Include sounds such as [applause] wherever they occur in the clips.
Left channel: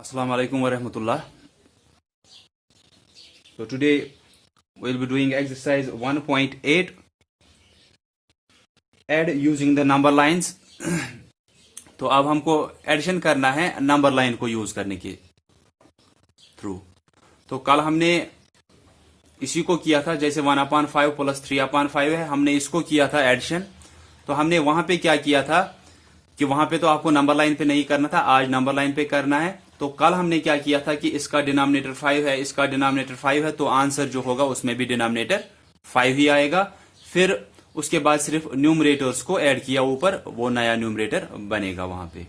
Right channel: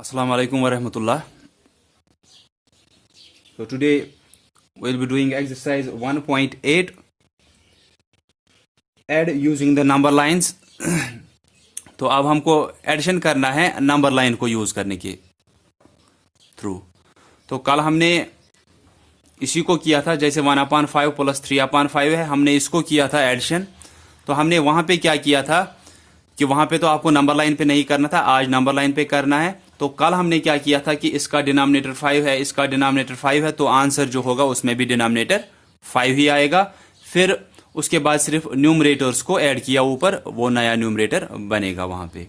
Assalamu alaikum wa rahmatullah. So today we'll be doing exercise 1.8, add using the number lines. तो अब हमको addition करना है number line को यूज करने के थ्रू। तो कल हमने इसी को किया था, जैसे 1/5 प्लस 3/5 है, हमने इसको किया था एडिशन। तो हमने वहां पे क्या किया था कि वहां पे तो आपको नंबर लाइन पे नहीं करना था, आज नंबर लाइन पे करना है। तो कल हमने क्या किया था कि इसका डिनोमिनेटर 5 है, इसका डिनोमिनेटर 5 है, तो आंसर जो होगा उसमें भी डिनोमिनेटर 5 ही आएगा। फिर उसके बाद सिर्फ न्यूमरेटर्स को ऐड किया ऊपर, वो नया न्यूमरेटर बनेगा वहां पे।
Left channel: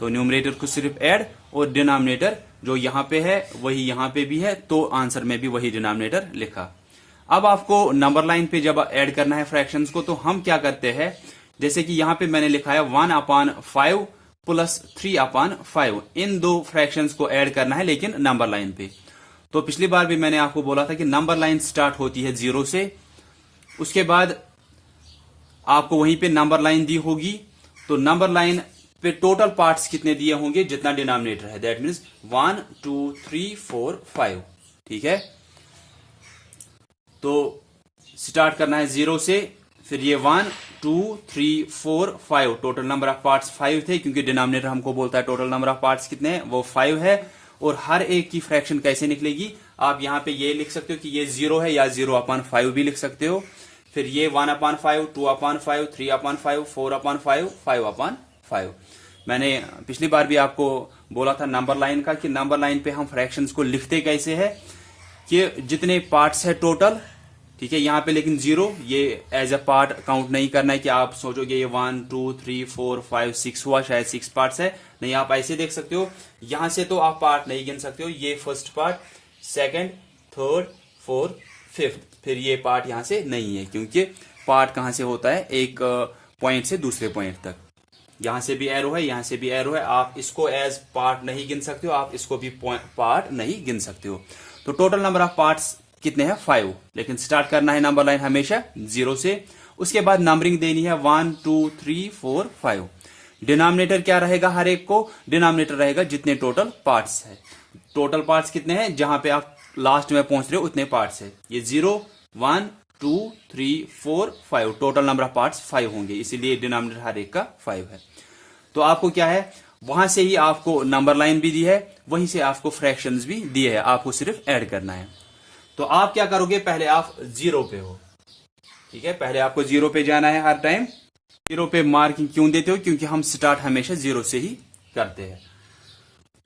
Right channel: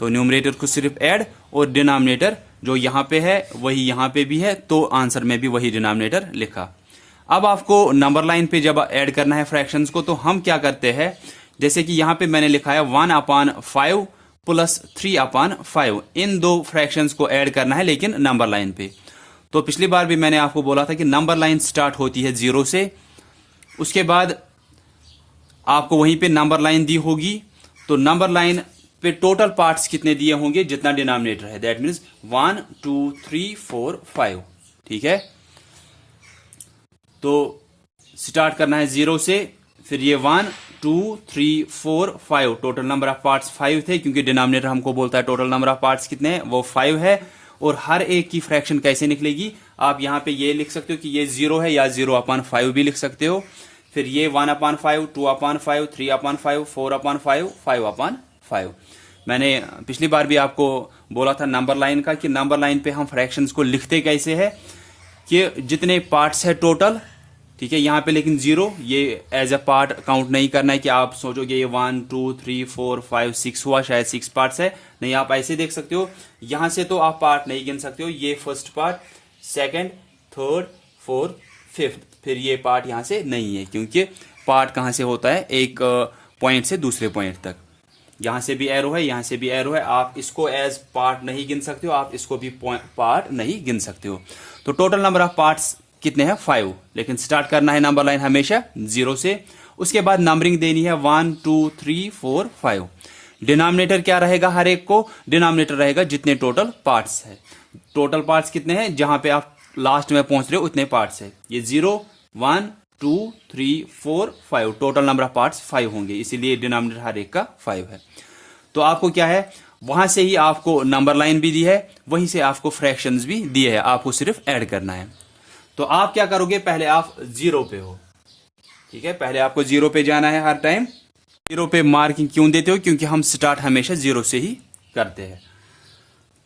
तो न्यूमरेटर को सिर्फ ऐड और डिनोमिनेटर जो यहां पे है वही यहां पे भी है, तो आंसर में भी वही डिनोमिनेटर लिखा। अब आपको नंबर लाइन पे जब ऐड करना है फ्रैक्शंस को, तो हम क्या करते हैं, जैसे कि यहां पे मैंने लिखा है 1/5 प्लस 3/5, इन दो फ्रैक्शंस को ऐड करना है लेकिन नंबर लाइन पे। तो पिछली बार भी मैंने आपको बोला था कि नंबर लाइन स्टार्ट होती है 0 से, उसके बाद आपको वहीं पे नंबर लाइन दी होगी। तो नंबर लाइन पे टोटल पार्ट्स कितने दिए होंगे, जितना डिनोमिनेटर है, दैट मीन्स 1 2 3 4 5। ठीक है, तो स्टार्ट करना है 0 से, फिर ये 1 2 3 4 5, टोटल नंबर ऑफ पार्ट्स 5 थे, क्योंकि डिनोमिनेटर हमको बोलता है टोटल नंबर ऑफ पार्ट्स कितने हैं, वो 5 है। और हर एक की फ्रैक्शन कैसे निकलेगी, आप यहां पे ये लिख सकते हो कि ये 0 है, या 0/5 भी लिख सकते हो। फिर ये 1/5 2/5 3/5 4/5 5/5। मैंने पिछली बार भी आपको बोला था नंबर लाइन का कि नंबर लाइन पे हम फ्रैक्शंस को लिखते कैसे है कि जितने पार्ट्स है टोटल, ठीक है, यहां पे लेकिन 0 ये एज अ पार्ट काउंट नहीं करना है कि आप सोचोगे ये 1 2 3 4 5 6 हुआ, शायद 6 पार्ट्स है। नहीं, आप ऐसे देख सकते हो, यहां से तो आप पार्ट नहीं गिन सकते हो, ये first part, second, third, fourth, fifth, फिर ये पार्ट यहां से नहीं है, क्योंकि पार्ट कहां से होता है, एक पॉइंट से दूसरे पॉइंट तक। यहां से भी एरो है, यहां से भी एरो है, आप इसको एज पार्ट नहीं गिन सकते हो, आप इसको भी पार्ट नहीं गिन सकते हो। तो टोटल नंबर ऑफ पार्ट्स कितने हैं, 5, लेकिन स्टार्ट करना है नंबर लाइन हमेशा 0 से। उसके बाद नंबरिंग देनी है 1 2 3 4 5। डिनोमिनेटर क्या रहेगा, हर एक को डिनोमिनेटर रहेगा जितने टोटल पार्ट्स है। टोटल पार्ट्स कितने हैं, जहां पे आप लास्ट में पहुंच रहे हो उतने पार्ट्स है। ये 0 1 2 3 4 5, टोटल नंबर ऑफ पार्ट्स 5 होंगे, इसीलिए डिनोमिनेटर हर एक का 5 है। तो आपको क्या है, वहां से ही आपको नंबर लाइन भी दी है, वहीं से आपको फ्रैक्शंस भी दिए है, आपको सिर्फ ऐड करना है। तो आप क्या करोगे, पहले आप 0 पे हो, ठीक है, पहले आपको 0 पे जाना है। हर टाइम 0 पे मार्किंग क्यों देते हो, क्योंकि हम स्टार्ट हमेशा 0 से ही करते हैं।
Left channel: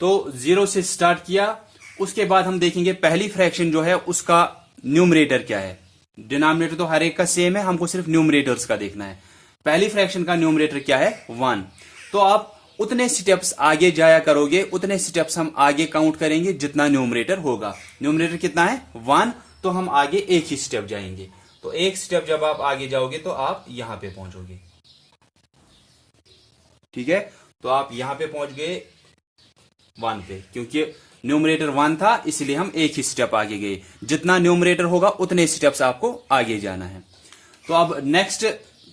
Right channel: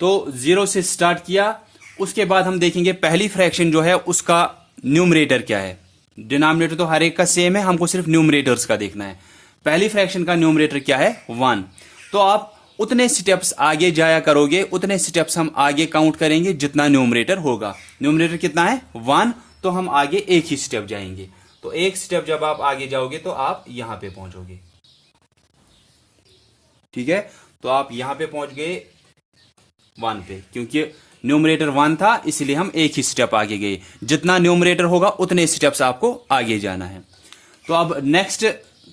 तो 0 से स्टार्ट किया, उसके बाद हम देखेंगे पहली फ्रैक्शन जो है उसका न्यूमरेटर क्या है। डिनोमिनेटर तो हर एक का सेम है, हमको सिर्फ न्यूमरेटर्स का देखना है। पहली फ्रैक्शन का न्यूमरेटर क्या है, 1। तो आप उतने स्टेप्स आगे जाया करोगे, उतने स्टेप्स हम आगे काउंट करेंगे जितना न्यूमरेटर होगा। न्यूमरेटर कितना है, 1, तो हम आगे एक ही स्टेप जाएंगे। तो एक स्टेप जब आप आगे जाओगे तो आप यहां पे पहुंचोगे, ठीक है। तो आप यहां पे पहुंच गए 1 पे, क्योंकि न्यूमरेटर 1 था, इसलिए हम एक ही स्टेप आगे गए। जितना न्यूमरेटर होगा उतने स्टेप्स आपको आगे जाना है। तो अब नेक्स्ट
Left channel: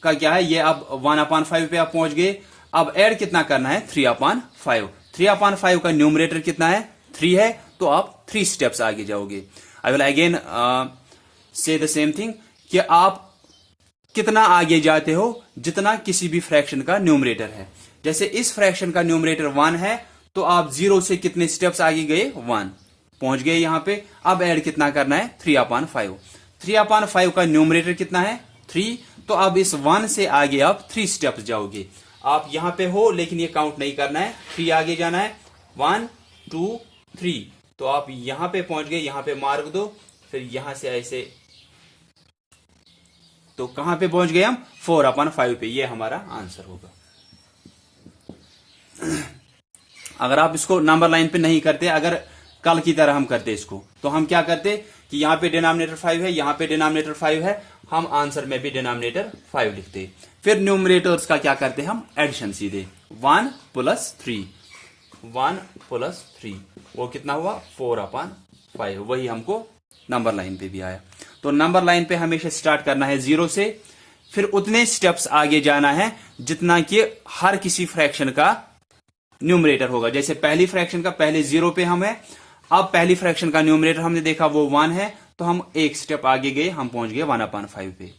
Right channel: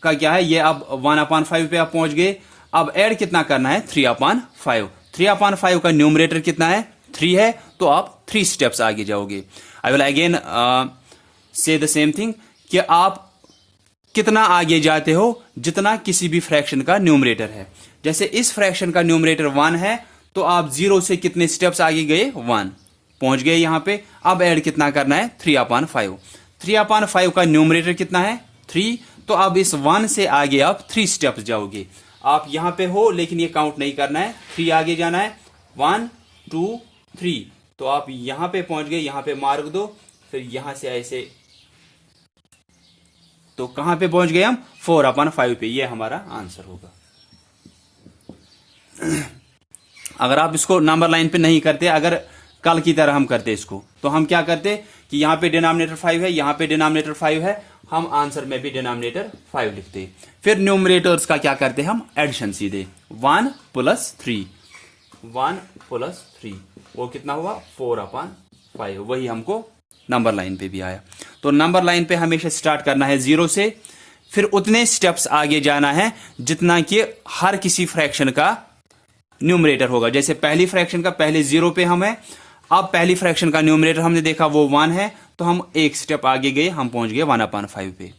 का क्या है, ये अब 1/5 पे आप पहुंच गए। अब ऐड कितना करना है, 3/5। 3/5 का न्यूमरेटर कितना है, 3 है, तो आप 3 स्टेप्स आगे जाओगे। आई विल अगेन से द सेम थिंग कि आप कितना आगे जाते हो, जितना किसी भी फ्रैक्शन का न्यूमरेटर है। जैसे इस फ्रैक्शन का न्यूमरेटर 1 है, तो आप 0 से कितने स्टेप्स आगे गए, 1 पहुंच गए यहां पे। अब ऐड कितना करना है, 3/5। 3/5 का न्यूमरेटर कितना है, 3, तो अब इस 1 से आगे आप 3 स्टेप्स जाओगे। आप यहां पे हो लेकिन ये काउंट नहीं करना है, 3 आगे जाना है, 1 2 3, तो आप यहां पे पहुंच गए, यहां पे मार्क दो, फिर यहां से ऐसे, तो कहां पे पहुंच गए हम, 4/5 पे, ये हमारा आंसर होगा। अगर आप इसको नंबर लाइन पे नहीं करते, अगर कल की तरह हम करते इसको, तो हम क्या करते कि यहां पे डिनोमिनेटर 5 है, यहां पे डिनोमिनेटर 5 है, हम आंसर में भी डिनोमिनेटर 5 लिखते। फिर न्यूमरेटर्स का क्या करते हम, एडिशन सीधे, 1 + 3, 1 + 3, वो कितना हुआ, 4/5, वही हमको नंबर लाइन पे भी आया। तो नंबर लाइन पे हमेशा स्टार्ट करना है 0 से, फिर उतने स्टेप्स आगे जाना है जितना कि हर किसी फ्रैक्शन का न्यूमरेटर होगा। जैसे पहली फ्रैक्शन का पहले 0 पे हम है, अब पहली फ्रैक्शन का न्यूमरेटर हमने देखा वो 1 है, तो हम एक स्टेप आगे गए, हम पहुंच गए 1/5 पे।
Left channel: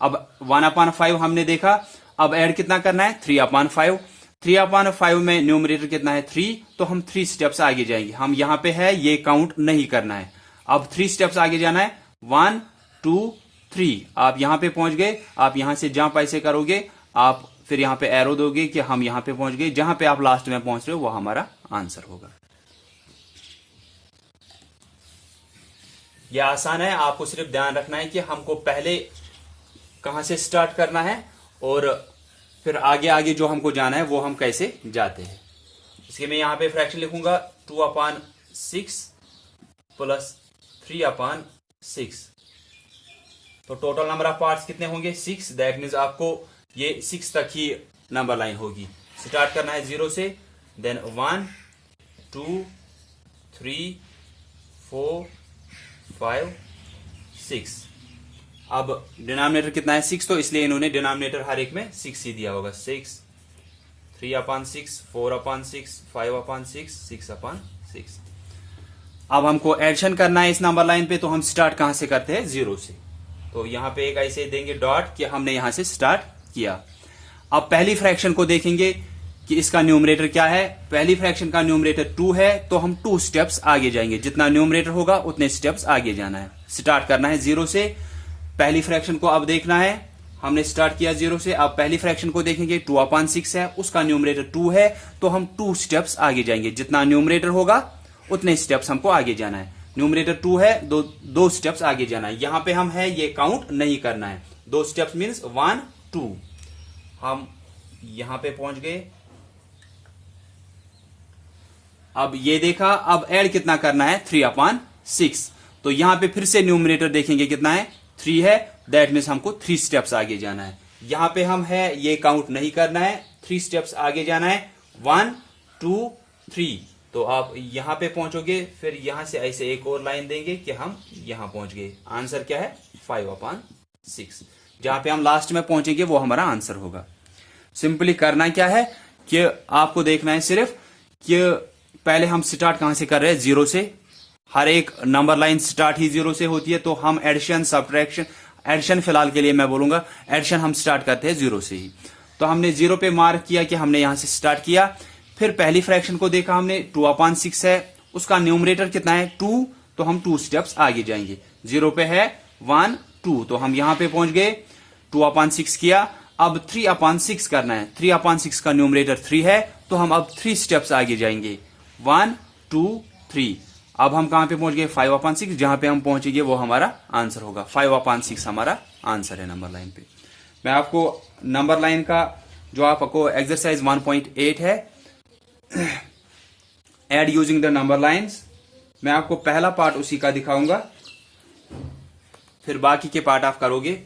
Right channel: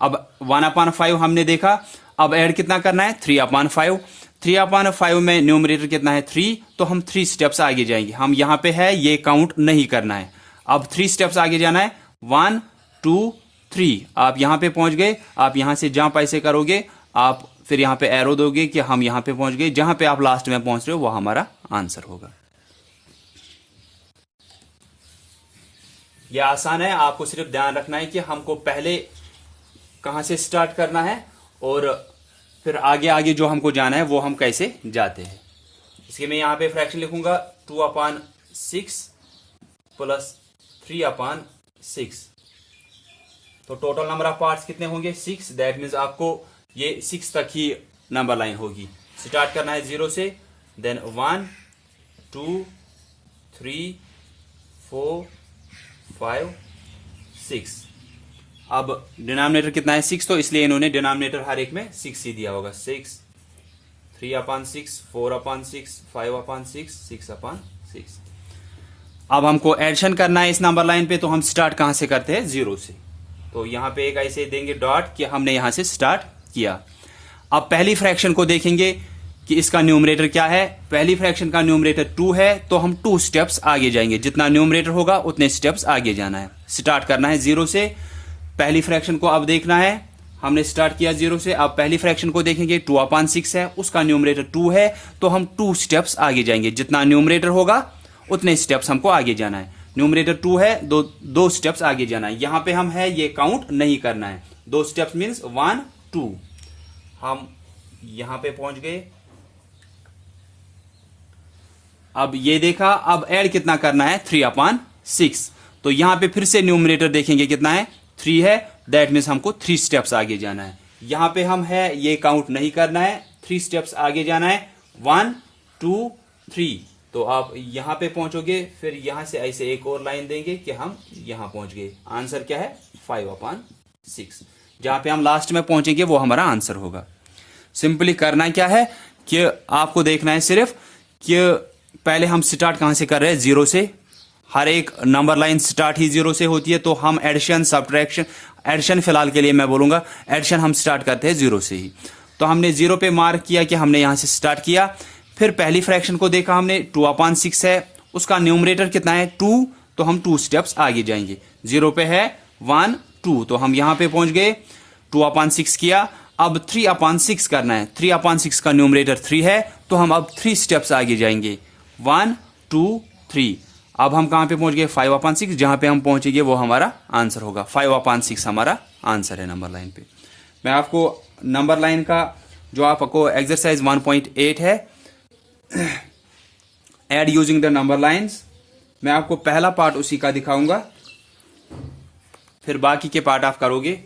अब 1/5 हमने देखा, अब ऐड कितना करना है 3/5। 3/5 में न्यूमरेटर कितना है 3, तो हम 3 स्टेप्स आगे जाएंगे। हम यहां पे है ये काउंट नहीं करना है, अब 3 स्टेप्स आगे जाना है 1 2 3। आप यहां पे पहुंच गए, आप यहां से जंप ऐसे करोगे, आप फिर यहां पे एरो दोगे कि हम यहां पे पहुंच गए। जहां पे आप लास्ट में पहुंच रहे हो वो हमारा आंसर होगा। यह आसान है, आपको सिर्फ ध्यान रखना है कि हमको पहले कहां से स्टार्ट करना है और फिर आगे आगे जो हमको जाना है वो हम कैसे जाते हैं। इसके मैं यहां पे फ्रैक्शन लिखूंगा 2/6 प्लस 3/6। तो टोटल नंबर ऑफ पार्ट्स कितने होंगे 6। दैट मीन्स आपको ये 6 तक ही नंबर लाइन होगी। स्टार्ट करना है 0 से, देन 1 2 3 4 5 6। अब डिनोमिनेटर कितना है 6, तो इसलिए इन्होंने डिनोमिनेटर हर एक में 6 ही दिया होगा। 6 3/6 4/6 5/6 6/6। अब हमको एडिशन करना है इस नंबर लाइन पे, तो हम स्टार्ट कहां से करते हैं 0 से। तो यहां पे एक ऐसे देंगे डॉट कि हमने यहां से स्टार्ट किया। अब पहली फ्रैक्शन को देखेंगे कि इसका न्यूमरेटर क्या है। पहली फ्रैक्शन का न्यूमरेटर 2 है, तो हम 2 स्टेप्स आगे जाएंगे। जितना न्यूमरेटर होगा उतने स्टेप्स आगे जाना है। स्टार्ट करना है 0 से। पहली फ्रैक्शन को अब देखना है, हमने स्टार्ट किया 0 से। अब पहली फ्रैक्शन को देखेंगे 2/6 है, उसका न्यूमरेटर 2 है, तो हम 2 स्टेप्स आगे जाएंगे। जितना न्यूमरेटर होगा उतने स्टेप्स हमको आगे जाना है। न्यूमरेटर 2 है, दो स्टेप्स आगे जाना है। यहां पे हम है ये काउंट नहीं करना है। 2 स्टेप्स मीन्स 1 2। हम यहां पे पहुंच गए। अब ये देखा, अब ऐड कितना करना है 3/6। तो यहां पे फिर से न्यूमरेटर देखेंगे कितना है 3 है, दैट मीन्स हमको 3 स्टेप्स आगे जाना है। यहां पे हम है ये काउंट नहीं करना है, 3 स्टेप्स आगे जाना है 1 2 3। तो आप यहां पे पहुंचोगे, फिर यहां से ऐसे एक और लाइन देंगे कि हम यहां पहुंच गए। आंसर क्या है 5/6। जहां पे हम लास्ट में पहुंचेंगे वो हमारा आंसर होगा। सिंपली करना क्या है कि आपको देखना है सिर्फ कि पहले हम स्टार्ट कहां से कर रहे हैं 0 से। हर एक नंबर लाइन स्टार्ट ही 0 से होती है, तो हम एडिशन सब्ट्रैक्शन, एडिशन फिलहाल के लिए मैं बोलूंगा एडिशन हम स्टार्ट करते हैं 0 से ही। तो हमने 0 पे मार्क किया कि हमने यहां से स्टार्ट किया। फिर पहली फ्रैक्शन को देखा हमने 2/6 है, उसका न्यूमरेटर कितना है 2, तो हम 2 स्टेप्स आगे जाएंगे। 0 पे है 1 2, तो हम यहां पे पहुंच गए। 2/6 किया, अब 3/6 करना है। 3/6 का न्यूमरेटर 3 है, तो हम अब 3 स्टेप्स आगे जाएंगे 1 2 3। अब हम कहां पे पहुंच गए 5/6। जहां पे हम पहुंचेंगे वो हमारा आंसर होगा। 5/6 हमारा आंसर है नंबर लाइन पे। मैं आपको नंबर लाइन का जो आपको एक्सरसाइज 1.8 है, add using the number lines, मैं आपको पहला पार्ट उसी का दिखाऊंगा, फिर बाकी के पार्ट आप करोगे।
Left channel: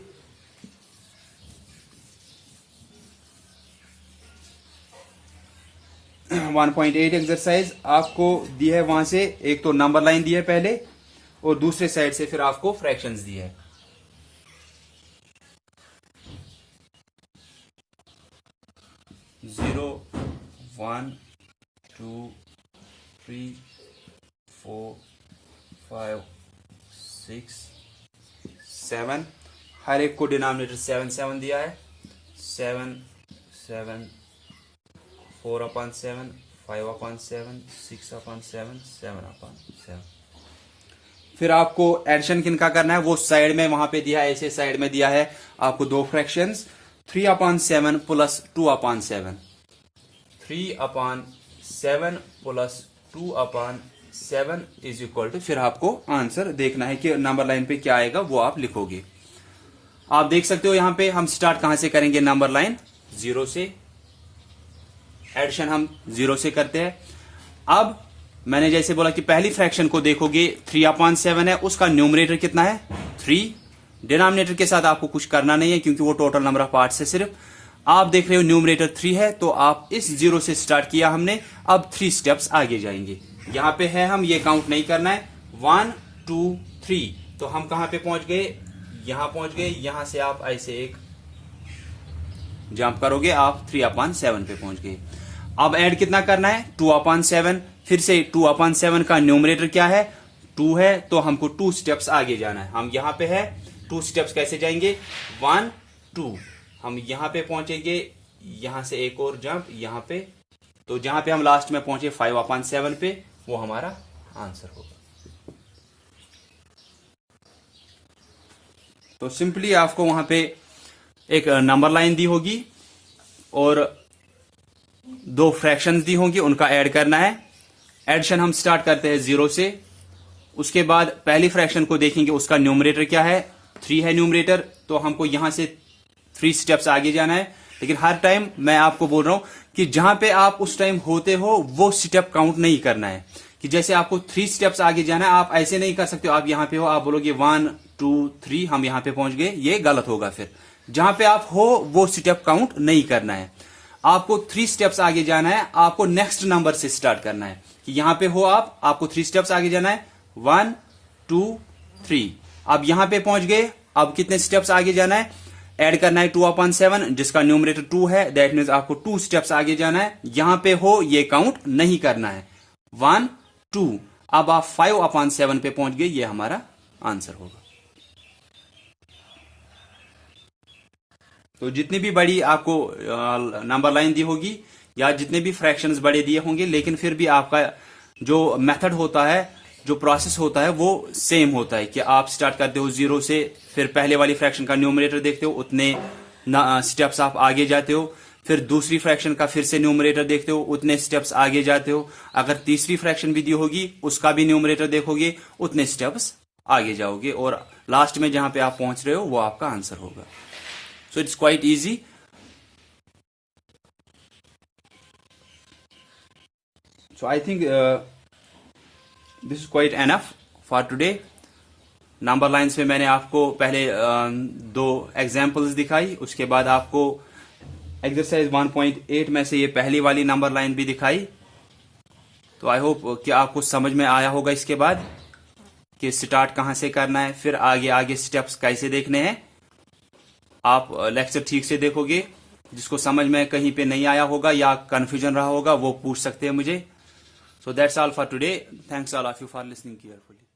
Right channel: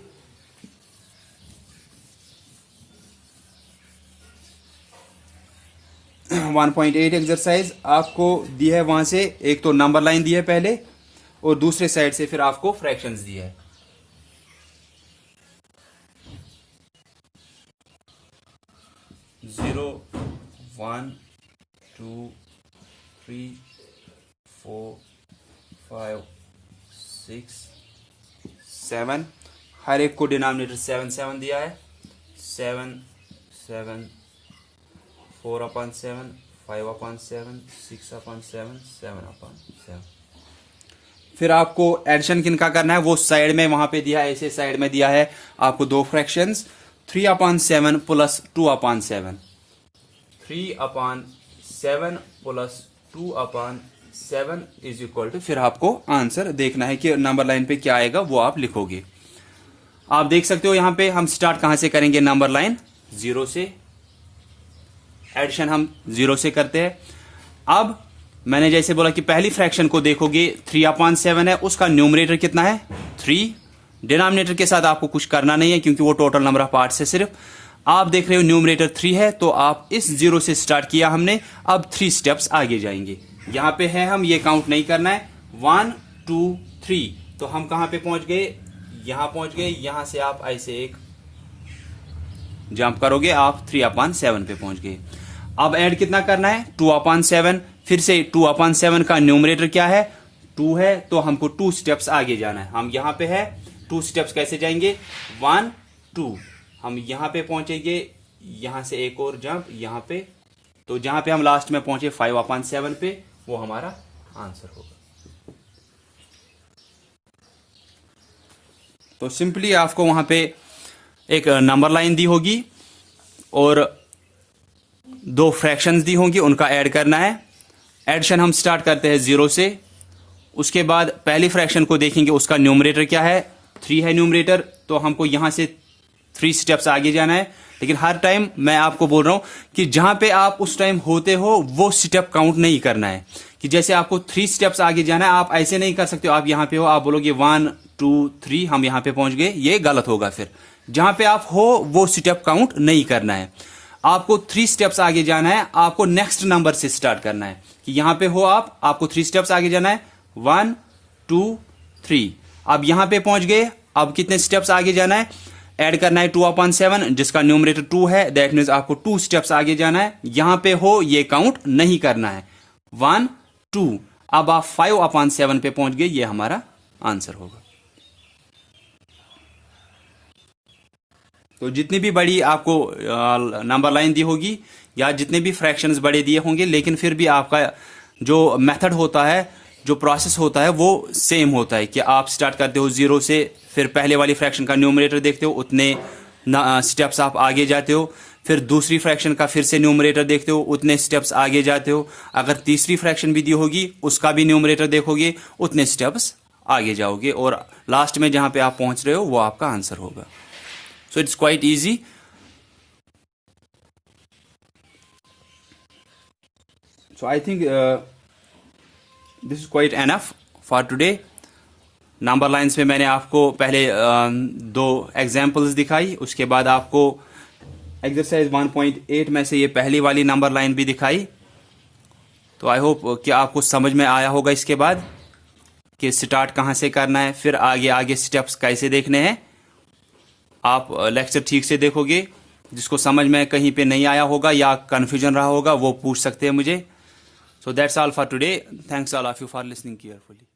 [clears throat] 1.8 एक्सरसाइज आपको दी है, वहां से एक तो नंबर लाइन दी है पहले, और दूसरे साइड से फिर आपको फ्रैक्शंस दी है। जीरो 1 2 3 4 5 6 7। हर एक को डिनोमिनेटर 7 7 दिया है। 7 7 4/7 5/7 6/7 7/7। फिर आपको एडिशन किनका करना है वो साइड में वहां पे दिया है, ऐसे साइड में दिया है आपको 2 fractions 3/7 plus 2/7। 3/7 plus 2/7 is equal to, फिर आपको आंसर देखना है कि नंबर लाइन पे क्या आएगा वो आप लिखोगे। आप देख सकते हो यहां पे हम स्टार्ट कहां से करेंगे नंबर लाइन 0 से। एडिशन हम 0 से करते हैं। अब मैंने जैसे बोला कि पहली फ्रैक्शन को देखोगे 3/7 है, उसका न्यूमरेटर कितना है 3। डिनोमिनेटर के साथ आपको कुछ करना नहीं है क्योंकि वो टोटल नंबर ऑफ पार्ट्स है। सिर्फ आप देख रहे हो न्यूमरेटर 3 है, तो आप इस 0 से स्टार्ट किया हमने, अब 3 स्टेप्स आगे जाएंगे। यहां पे है हम ये काउंट नहीं करना है 1 2 3। तो हम कहां पे पहुंच गए, यहां पहुंच गए। यहां से आप ऐसे एक जंप करोगे, आप 3/7 पे पहुंच गए। अब ऐड कितना करना है 2/7। फिर से 2/7 का न्यूमरेटर क्या है 2 है, तो हमको 2 स्टेप्स आगे जाना है। हम यहां पे है 2 स्टेप्स कैसे जाएंगे 1 2, हम यहां पे पहुंचेंगे, यहां से एक और जंप यहां पे, तो जहां पे हम लास्ट में पहुंचे 5/7 पे, वो हमारा आंसर होगा। तो सिंपली आपको वहां पे एक नंबर लाइन दी होगी और 2 फ्रैक्शंस दी होंगी, उनका ऐड करना है। एडिशन हम स्टार्ट करते हैं 0 से। उसके बाद पहली फ्रैक्शन को देखेंगे, उसका न्यूमरेटर क्या है 3 है न्यूमरेटर, तो हमको यहां से 3 स्टेप्स आगे जाना है। लेकिन हर टाइम मैं आपको बोल रहा हूं कि जहां पे आप उस टाइम होते हो वो स्टेप काउंट नहीं करना है। कि जैसे आपको 3 स्टेप्स आगे जाना है, आप ऐसे नहीं कर सकते हो, आप यहां पे हो, आप बोलोगे 1 2 3 हम यहां पे पहुंच गए, ये गलत होगा। फिर जहां पे आप हो वो स्टेप काउंट नहीं करना है। आपको 3 स्टेप्स आगे जाना है, आपको नेक्स्ट नंबर से स्टार्ट करना है। कि यहां पे हो आपको 3 स्टेप्स आगे जाना है 1 2 3। अब यहां पे पहुंच गए, अब कितने स्टेप्स आगे जाना है, ऐड करना है 2/7 जिसका न्यूमरेटर 2 है, दैट मीन्स आपको 2 स्टेप्स आगे जाना है। यहां पे हो ये काउंट नहीं करना है 1 2। अब आप 5/7 पे पहुंच गए, ये हमारा आंसर होगा। तो जितनी भी बड़ी आपको नंबर लाइन दी होगी या जितने भी फ्रैक्शंस बड़े दिए होंगे, लेकिन फिर भी आपका जो मेथड होता है, जो प्रोसेस होता है वो सेम होता है। कि आप स्टार्ट करते हो 0 से, फिर पहले वाली फ्रैक्शन का न्यूमरेटर देखते हो, उतने स्टेप्स आप आगे जाते हो। फिर दूसरी फ्रैक्शन का फिर से न्यूमरेटर देखते हो, उतने स्टेप्स आगे जाते हो। अगर तीसरी फ्रैक्शन भी दी होगी, उसका भी न्यूमरेटर देखोगे, उतने स्टेप्स आगे जाओगे, और लास्ट में जहां पे आप पहुंच रहे हो वो आपका आंसर होगा। So it's quite easy. So I think this is quite enough for today. Number lines में मैंने आपको पहले 2 एग्जाम्पल्स दिखाई, उसके बाद आपको एक्सरसाइज 1.8 में से ये पहली वाली नंबर लाइन भी दिखाई। तो आई होप कि आपको समझ में आया होगा इसके बाद कि स्टार्ट कहां से करना है, फिर आगे आगे स्टेप्स कैसे देखने हैं। आप लेक्चर ठीक से देखोगे, जिसको समझ में कहीं पे नहीं आया होगा या कंफ्यूजन रहा होगा वो पूछ सकते हैं मुझे। So that's all for today. Thanks all of you for listening carefully.